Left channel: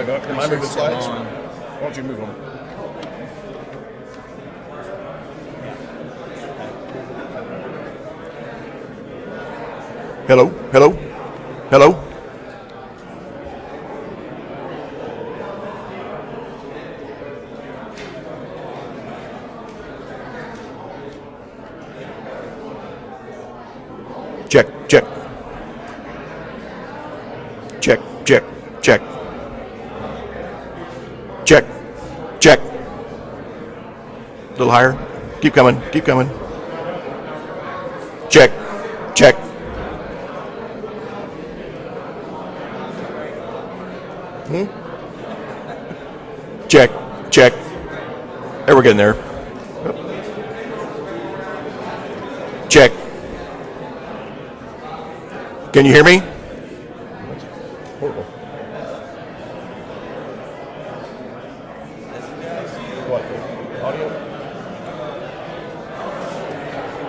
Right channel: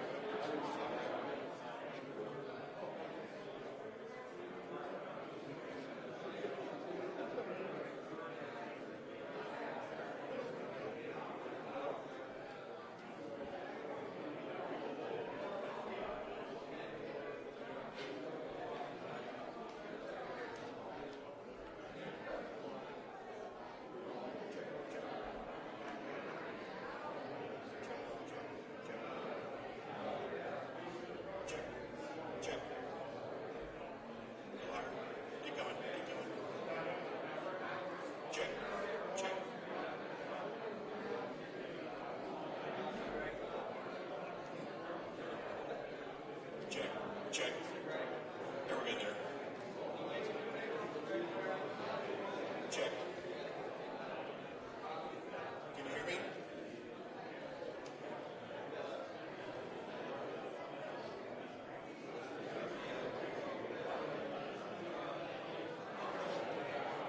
Wait, am I moving slides? Why don't you move them? Hello, hello, hello. Check, check. Check, check, check. Check, check. A little higher. Keep coming, keep coming. Check, check. Check, check. There, we're getting there. Check. Can you hear me? Horrible. What? Audio?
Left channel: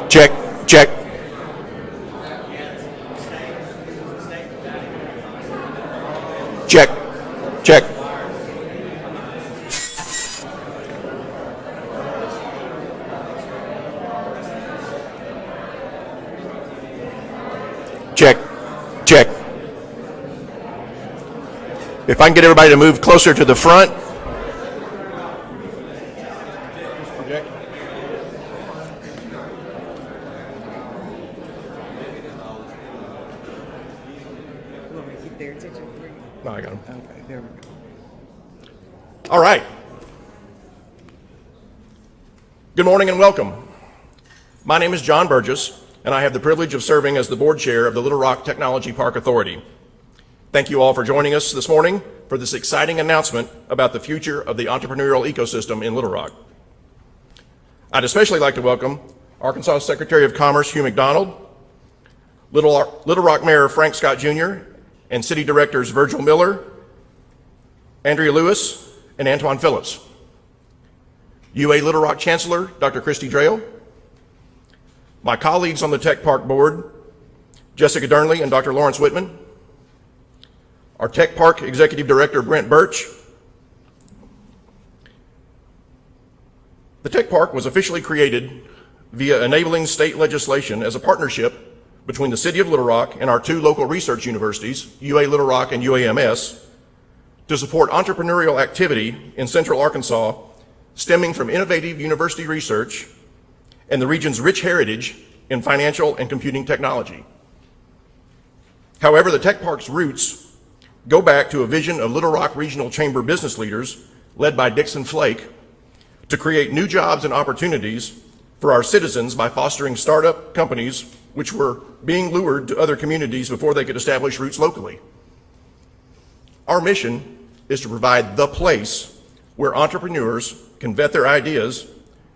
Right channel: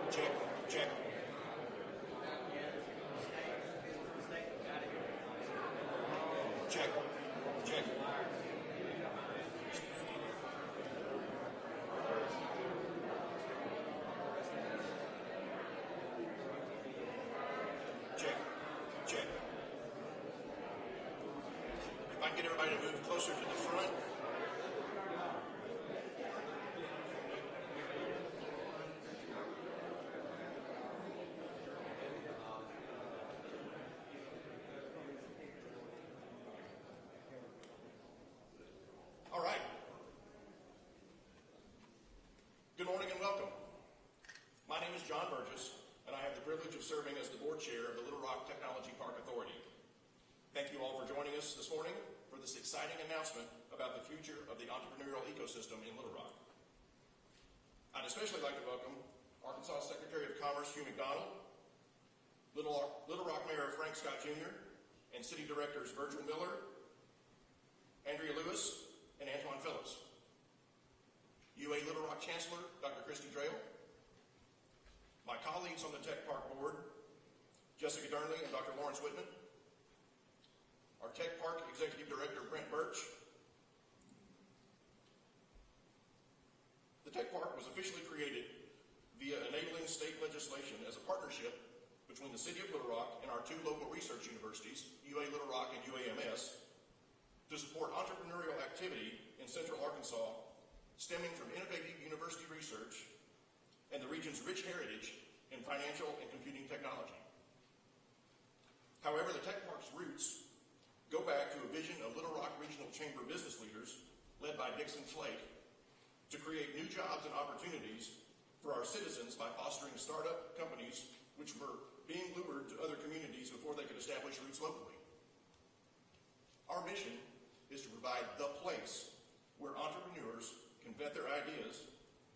Check, check. Check, check. Check, check. If I can get everybody to move closer to the front. No, I got them. Okay, there we go. All right. Good morning and welcome. My name is John Burgess, and I have the privilege of serving as the board chair of the Little Rock Technology Park Authority. Thank you all for joining us this morning for this exciting announcement about the future of the entrepreneurial ecosystem in Little Rock. I'd especially like to welcome Arkansas Secretary of Commerce Hugh McDonald, Little Rock Mayor Frank Scott Jr., and City Directors Virgil Miller, Andrea Lewis, and Antoine Phillips. UA Little Rock Chancellor Dr. Christy Drayle, my colleagues on the Tech Park Board, Jessica Durnley and Dr. Lawrence Whitman, our Tech Park Executive Director Brent Birch. The Tech Park was officially created via enabling state legislation as a partnership between the City of Little Rock and our two local research universities, UA Little Rock and UAMS, to support entrepreneurial activity in Central Arkansas stemming from innovative university research and the region's rich heritage in financial and computing technology. However, the Tech Park's roots go back to a vision of Little Rock Regional Chamber business leaders led by Dixon Flake to create new jobs and opportunities for our citizens by fostering startup companies which were being lured to other communities before they could establish roots locally. Our mission is to provide the place where entrepreneurs can vet their ideas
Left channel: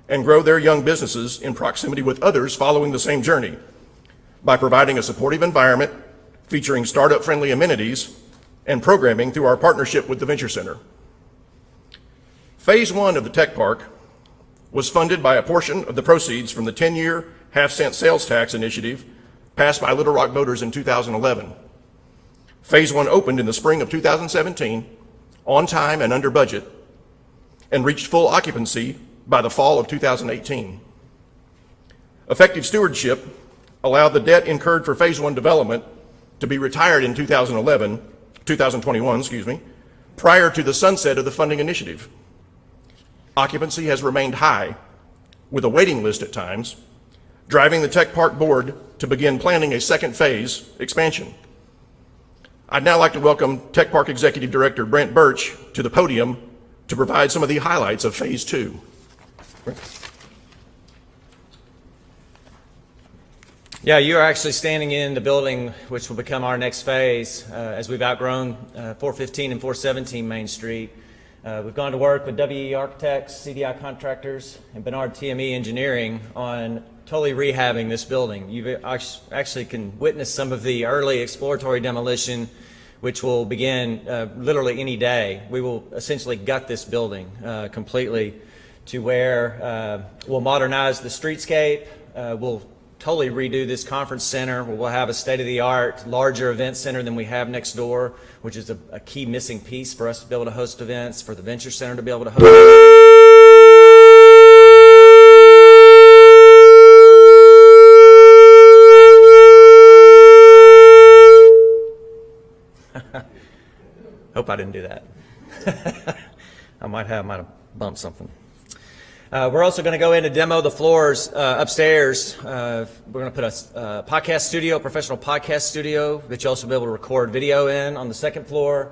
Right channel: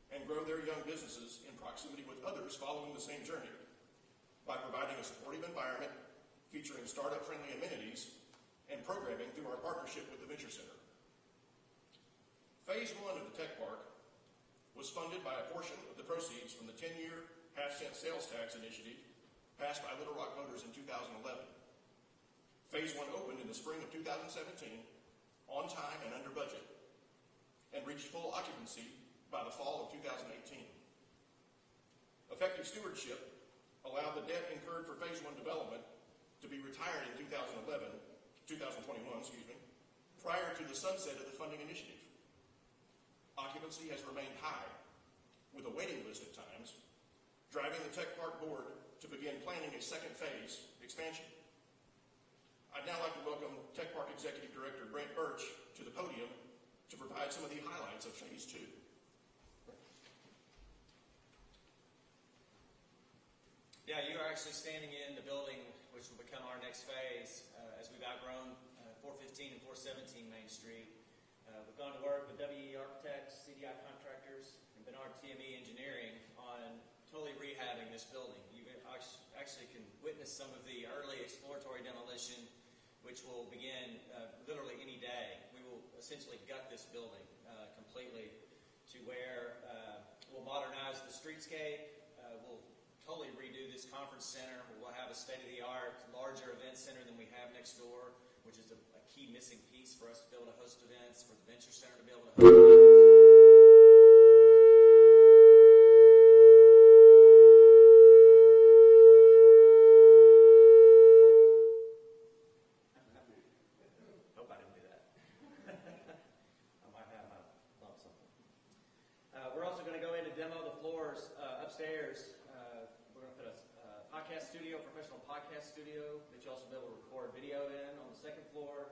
and grow their young businesses in proximity with others following the same journey by providing a supportive environment featuring startup-friendly amenities and programming through our partnership with the Venture Center. Phase one of the Tech Park was funded by a portion of the proceeds from the 10-year half-cent sales tax initiative passed by Little Rock voters in 2011. Phase one opened in the spring of 2017, on time and under budget, and reached full occupancy by the fall of 2018. Effective stewardship allowed the debt incurred for phase one development to be retired in 2021, prior to the sunset of the funding initiative. Occupancy has remained high, with a waiting list at times, driving the Tech Park Board to begin planning a second phase expansion. I'd now like to welcome Tech Park Executive Director Brent Birch to the podium to provide some of the highlights of phase two. Yeah, you are actually standing in the building which will become our next phase as we've outgrown 415 and 417 Main Street. We've gone to work with WE Architects, CDI Contractors, and Bernard TME Engineering on totally rehabbing this building. You actually can witness some of the early exploratory demolition, which will begin literally any day. We will essentially gut this building completely to where we'll modernize the streetscape, we'll totally redo this conference center, where we'll have a state-of-the-art, larger event center than we have next door, which is a key missing piece for us to be able to host events, for the Venture Center to be able to host. Hope I didn't do that. I might have bumped something. We're also going to go in and demo the floors upstairs. We're going to put a podcast studio, professional podcast studio, that you'll also be able to record video in on the second floor.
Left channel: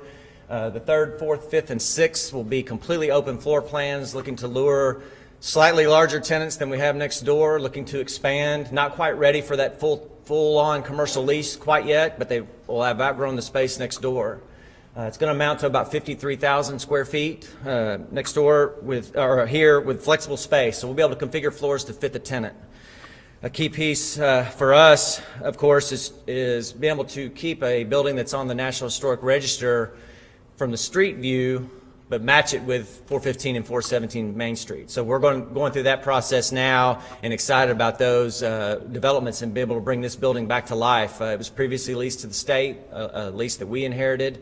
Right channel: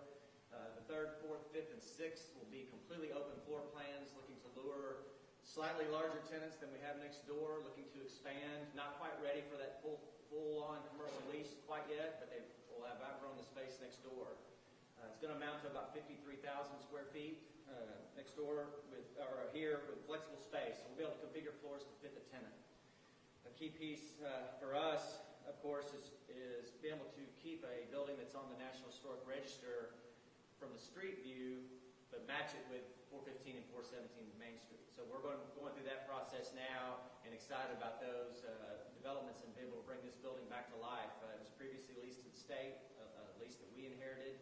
The third, fourth, fifth, and sixth will be completely open floor plans, looking to lure slightly larger tenants than we have next door, looking to expand. Not quite ready for that full-on commercial lease quite yet, but they will have outgrown the space next door. It's going to amount to about 53,000 square feet next door here with flexible space. So we'll be able to configure floors to fit the tenant. A key piece for us, of course, is being able to keep a building that's on the National Historic Register from the street view, but match it with 415 and 417 Main Street. So we're going through that process now and excited about those developments and be able to bring this building back to life. It was previously leased to the state, a lease that we inherited.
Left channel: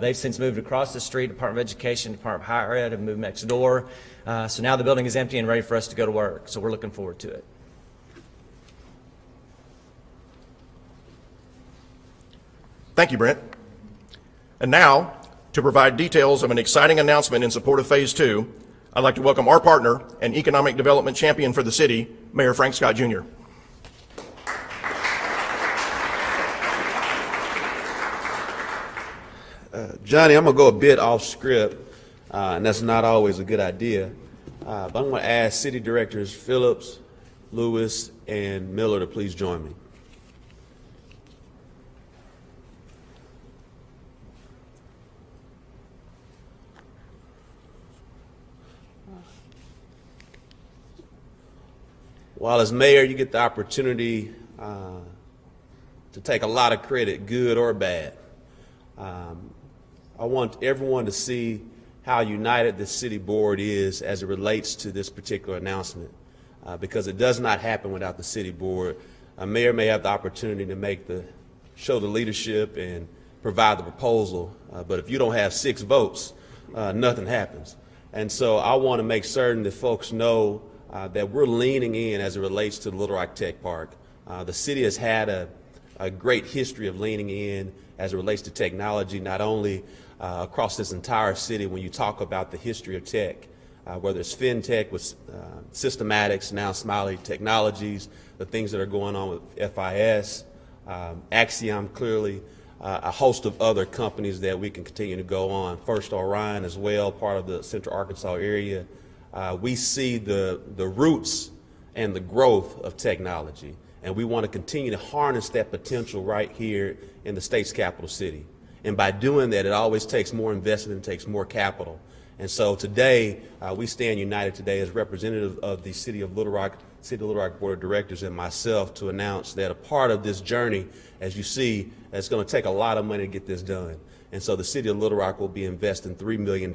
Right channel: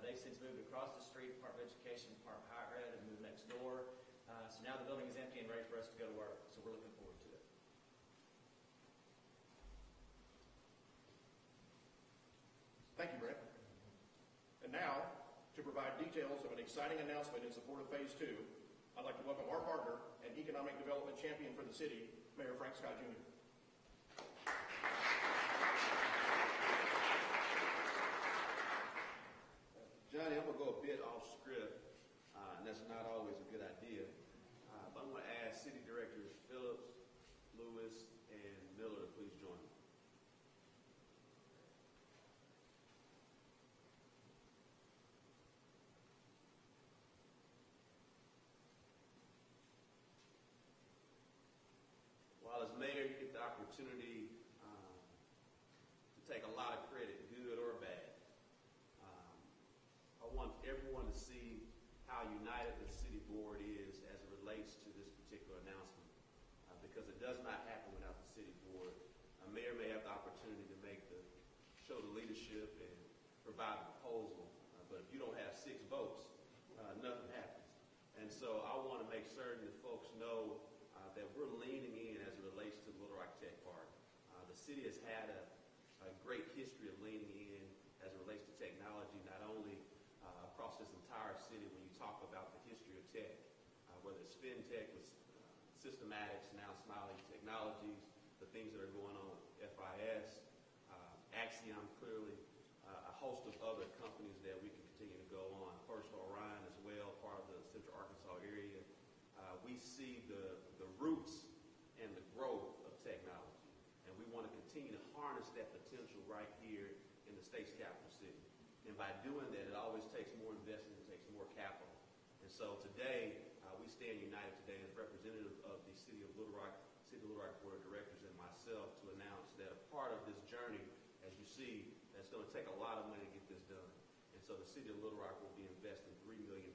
They've since moved across the street. Department of Education, Department of Higher Ed have moved next door. So now the building is empty and ready for us to go to work. So we're looking forward to it. Thank you, Brent. And now, to provide details of an exciting announcement in support of Phase 2, I'd like to welcome our partner and economic development champion for the city, Mayor Frank Scott Jr. Johnny, I'm going to go a bit off script, and that's not always a good idea. But I'm going to ask City Directors Phillips, Lewis, and Miller to please join me. While as mayor, you get the opportunity to take a lot of credit, good or bad. I want everyone to see how united the city board is as it relates to this particular announcement, because it does not happen without the city board. A mayor may have the opportunity to show the leadership and provide the proposal, but if you don't have 6 votes, nothing happens. And so I want to make certain that folks know that we're leaning in as it relates to the Little Rock Tech Park. The city has had a great history of leaning in as it relates to technology, not only across this entire city. When you talk about the history of tech, whether it's FinTech with Systematics, now Smiley Technologies, the things that are going on with FIS, Axiom clearly, a host of other companies that we can continue to go on. First Orion as well, part of the Central Arkansas area. We see the roots and the growth of technology, and we want to continue to harness that potential right here in the state's capital city. And by doing that, it always takes more investment and takes more capital. And so today, we stand united today as representative of the City of Little Rock Board of Directors and myself to announce that a part of this journey, as you see, it's going to take a lot of money to get this done. And so the City of Little Rock will be investing $3 million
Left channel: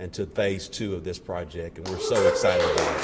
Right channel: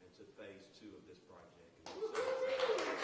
into Phase 2 of this project, and we're so excited about it.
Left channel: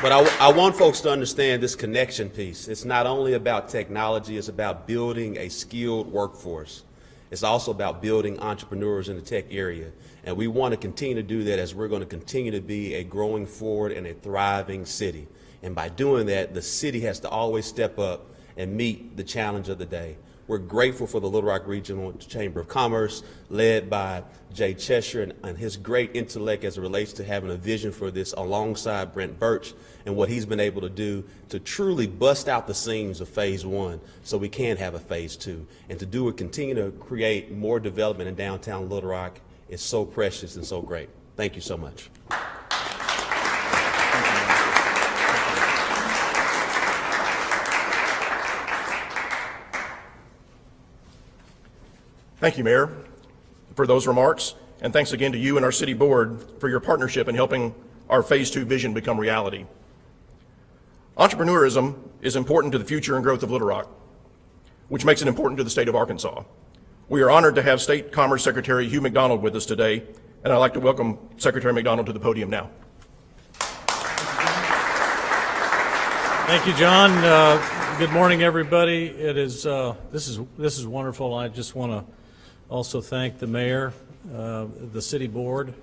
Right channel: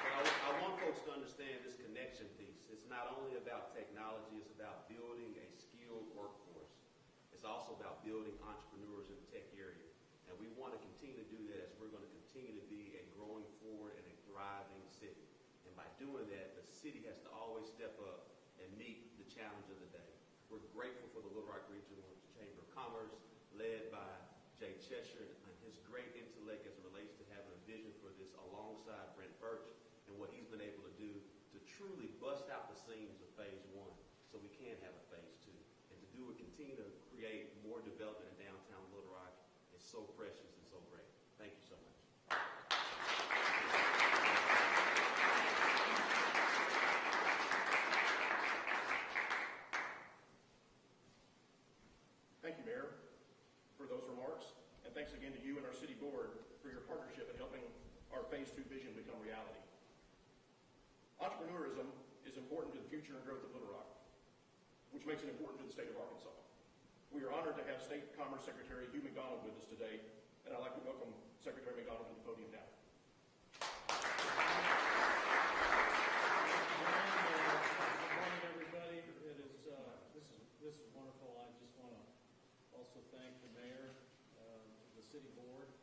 But I want folks to understand this connection piece. It's not only about technology, it's about building a skilled workforce. It's also about building entrepreneurs in the tech area. And we want to continue to do that as we're going to continue to be a growing forward and a thriving city. And by doing that, the city has to always step up and meet the challenge of the day. We're grateful for the Little Rock Regional Chamber of Commerce, led by Jay Cheshire and his great intellect as it relates to having a vision for this alongside Brent Birch and what he's been able to do to truly bust out the seams of Phase 1 so we can have a Phase 2. And to do it, continue to create more development in downtown Little Rock is so precious and so great. Thank you so much. Thank you, Mayor, for those remarks, and thanks again to you and our city board for your partnership in helping our Phase 2 vision become reality. Entrepreneurism is important to the future and growth of Little Rock, which makes it important to the state of Arkansas. We are honored to have State Commerce Secretary Hugh McDonald with us today And I'd like to welcome Secretary McDonald to the podium now. Thank you, John. Good morning, everybody. It is this is wonderful. I just want to also thank the mayor, the city board.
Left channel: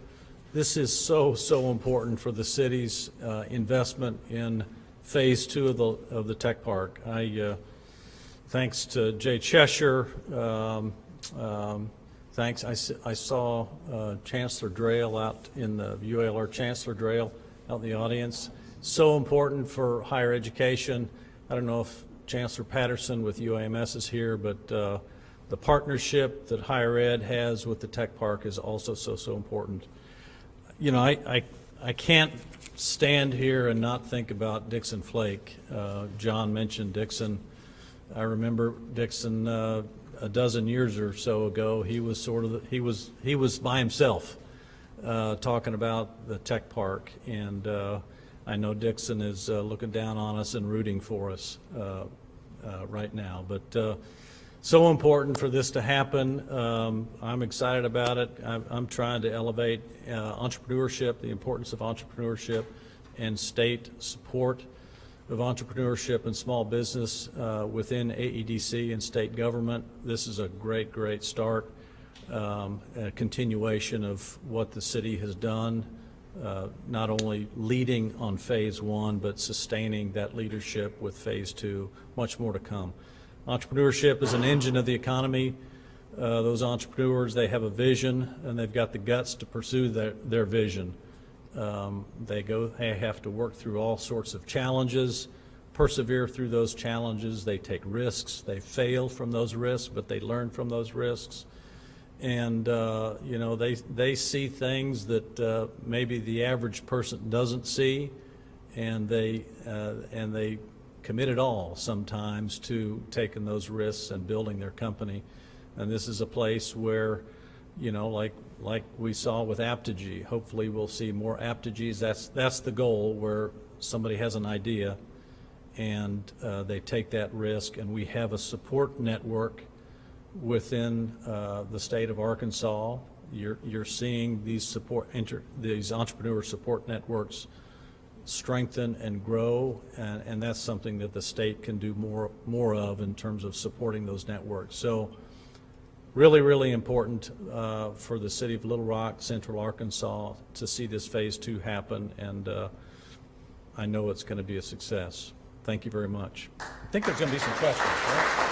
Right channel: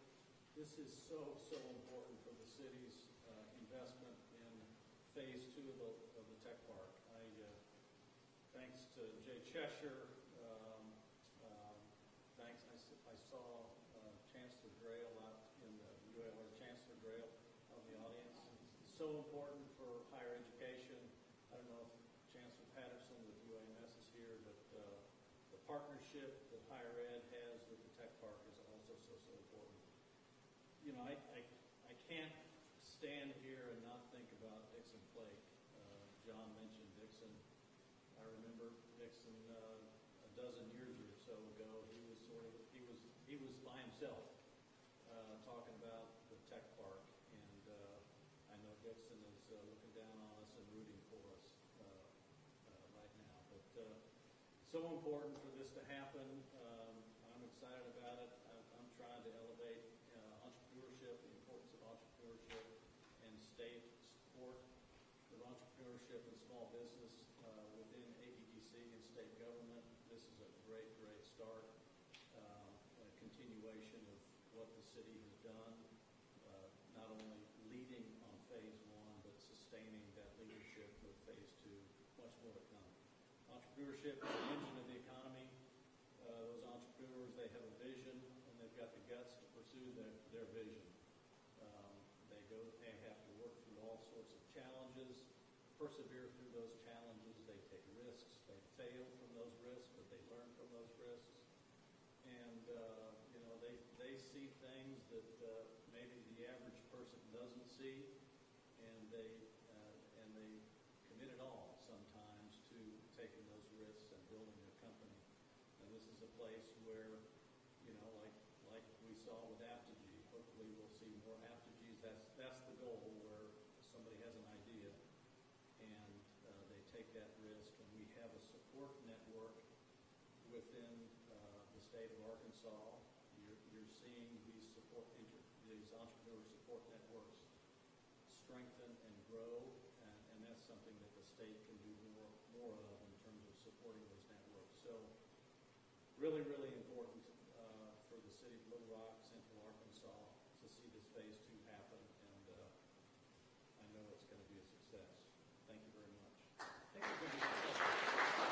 This is so important for the city's investment in phase 2 of the tech park. Thanks to Jay Cheshire. Thanks. I saw Chancellor Drayle out in the UALR Chancellor Drayle out in the audience. So important for higher education. I don't know if Chancellor Patterson with UAMS is here, but the partnership that higher ed has with the tech park is also so important. You know, I can't stand here and not think about Dixon Flake. John mentioned Dixon. I remember Dixon a dozen years or so ago. He was he was by himself talking about the tech park, and I know Dixon is looking down on us and rooting for us right now. But so important for this to happen. I'm excited about it. I'm trying to elevate entrepreneurship, the importance of entrepreneurship, and state support of entrepreneurship and small business within AEDC and state government. This is a great start, a continuation of what the city has done, not only leading on phase 1, but sustaining that leadership with phase 2, much more to come. Entrepreneurship is an engine of the economy. Those entrepreneurs, they have a vision and they've got the guts to pursue their vision. They have to work through all sorts of challenges, persevere through those challenges. They take risks. They fail from those risks, but they learn from those risks. And you know, they see things that maybe the average person doesn't see, and they commit it all sometimes to taking those risks and building their company. And this is a place where, you know, like we saw with Aptigee, hopefully we'll see more Aptigees. That's the goal, where somebody has an idea and they take that risk, and we have a support network within the state of Arkansas. You're seeing these entrepreneur support networks strengthen and grow, and that's something that the state can do more of in terms of supporting those networks. So really important for the city of Little Rock, Central Arkansas, to see this phase 2 happen, and I know it's going to be a success. Thank you very much. I think there's going to be some questions, right?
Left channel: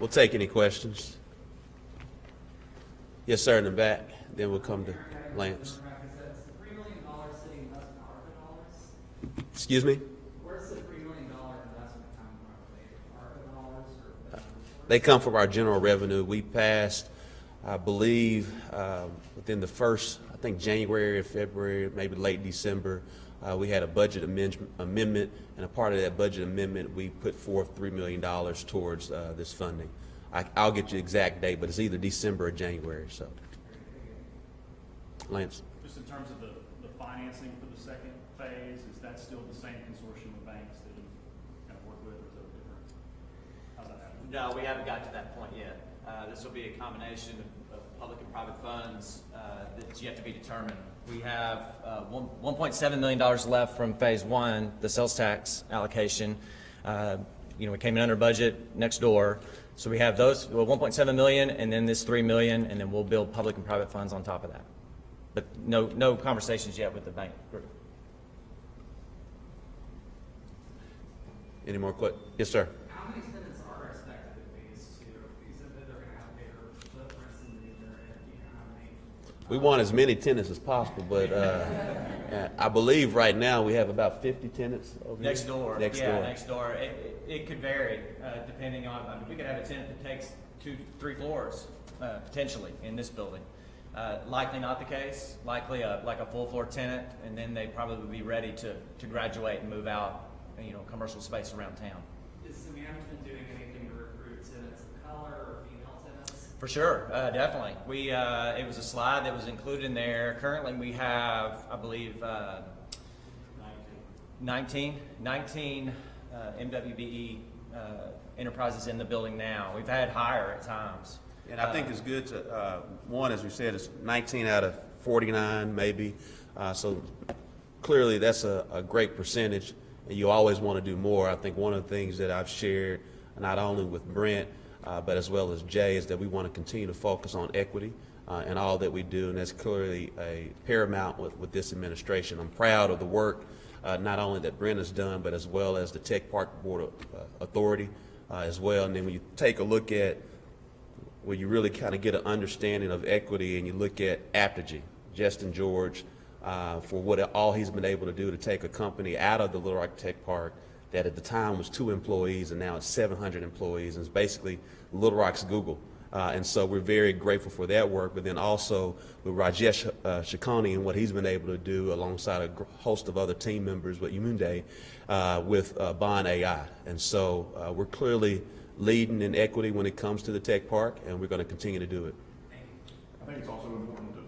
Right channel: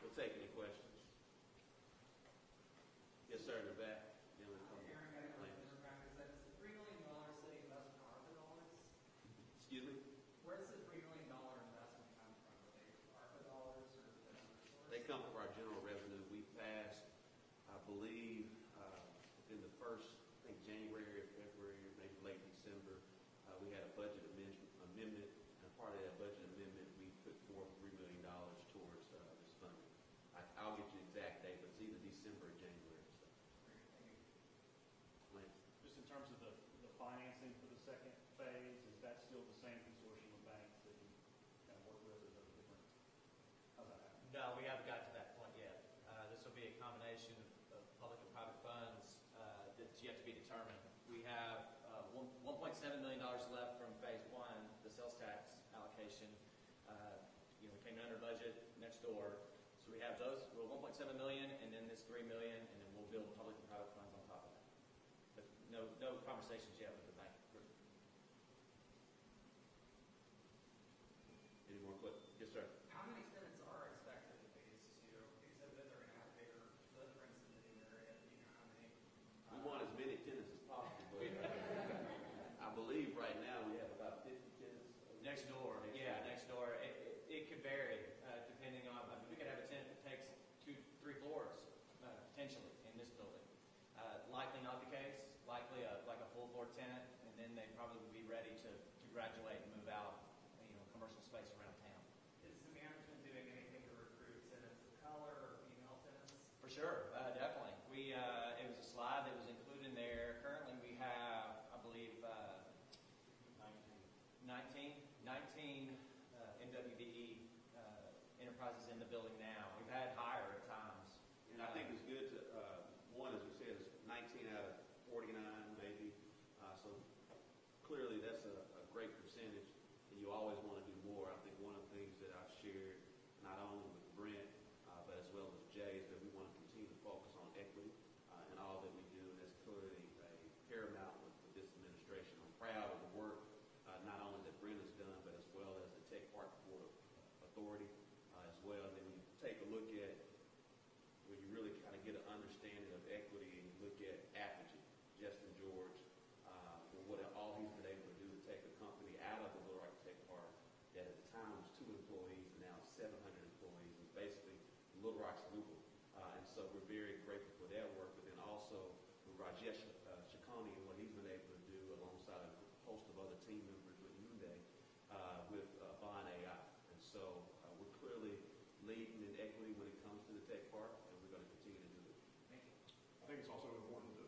We'll take any questions. Yes, sir, in the back. Then we'll come to Lance. Excuse me? Where's the $3 million investment come from? ARPA dollars or? They come from our general revenue. We passed, I believe, within the first, I think January or February, maybe late December, we had a budget amendment, and a part of that budget amendment, we put forth $3 million towards this funding. I'll get you the exact date, but it's either December or January. So, Lance. Just in terms of the financing for the second phase, is that still the same consortium of banks that you kind of work with, or is it different? How's that happen? No, we haven't got to that point yet. This will be a combination of public and private funds that's yet to be determined. We have $1.7 million left from phase 1, the sales tax allocation. You know, we came in under budget next door. So we have those, 1.7 million, and then this 3 million, and then we'll build public and private funds on top of that. But no conversations yet with the bank group. Any more questions? Yes, sir. How many tenants are expected in phase 2? You said that they're going to have bigger footprints in the area. Do you know how many? We want as many tenants as possible, but I believe right now we have about 50 tenants over Next here. door. Next Yeah, door. next door. It could vary depending on, I mean, we could have a tenant that takes 2-3 floors potentially in this building. Likely not the case. Likely like a full floor tenant, and then they probably would be ready to graduate and move out, you know, commercial space around town. Is the management doing anything to recruit tenants of color or female tenants? For sure, definitely. It was a slide that was included in there. Currently, we have, I believe, 19 MWBE enterprises in the building now. We've had higher at times. And I think it's good to, one, as we said, it's 19 out of 49 maybe. So clearly that's a great percentage, and you always want to do more. I think one of the things that I've shared, not only with Brent, but as well as Jay, is that we want to continue to focus on equity in all that we do, and that's clearly a paramount with this administration. I'm proud of the work not only that Brent has done, but as well as the Tech Park Board Authority as well. And then when you take a look at where you really kind of get an understanding of equity, and you look at Apogee, Justin George, for what all he's been able to do to take a company out of the Little Rock Tech Park that at the time was 2 employees and now it's 700 employees, and it's basically Little Rock's Google. And so we're very grateful for that work, but then also with Rajesh Shikani and what he's been able to do alongside a host of other team members with Yumunde with Bond AI. And so we're clearly leading in equity when it comes to the tech park, and we're going to continue to do it. I think it's also important to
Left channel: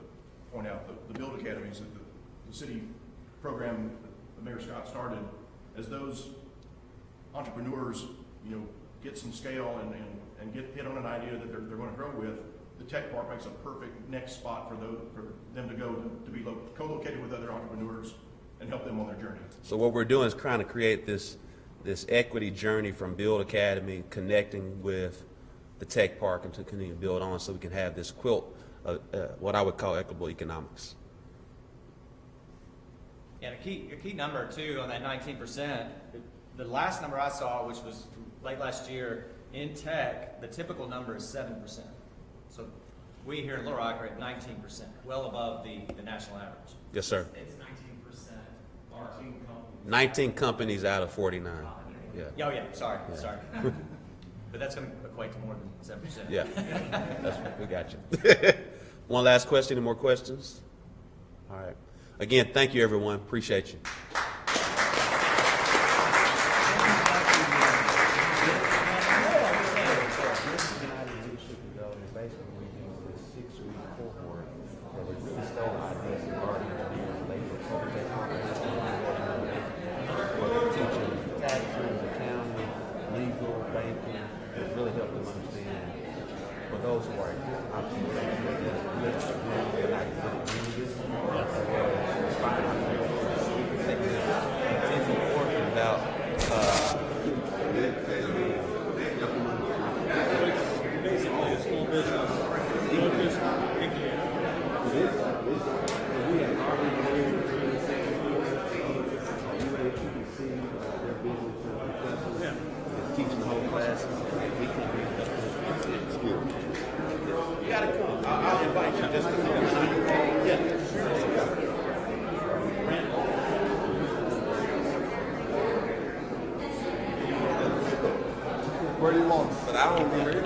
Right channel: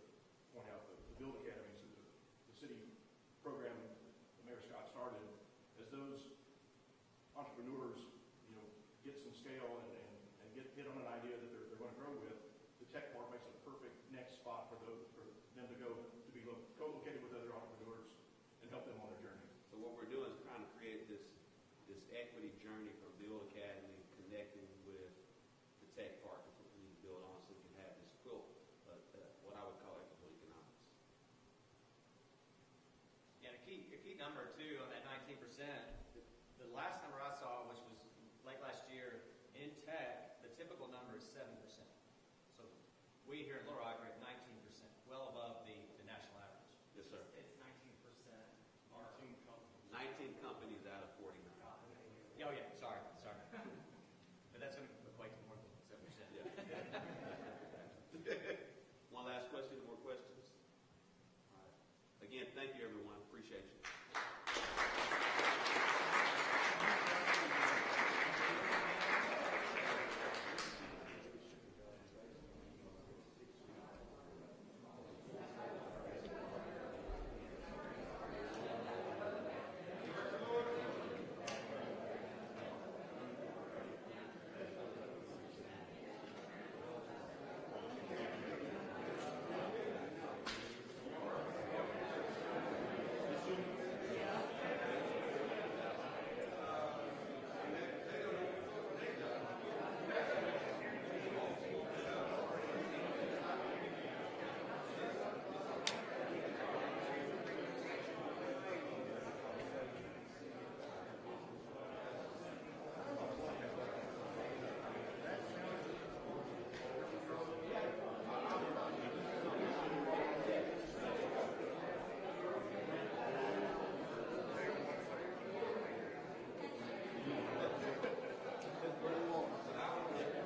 point out the Build Academies, that the city program that Mayor Scott started, as those entrepreneurs, get some scale and get hit on an idea that they're going to grow with, the tech park makes a perfect next spot for them to go to be co-located with other entrepreneurs and help them on their journey. So what we're doing is trying to create this equity journey from Build Academy, connecting with the tech park, and to continue to build on so we can have this quilt of what I would call equitable economics. Yeah, a key number too on that 19%, the last number I saw, which was late last year, in tech, the typical number is 7%. So we here in Little Rock are at 19%, well above the national average. Yes, sir. It's 19% are 19 companies out of 49. Yeah. Oh, yeah, sorry. But that's going to equate to more than 7%. Yeah. We got you. One last question. Any more questions? All right. Again, thank you, everyone. Appreciate you. Teaching the whole class. You gotta come. I'll invite you just to come. Yeah. Pretty long, but I don't remember it.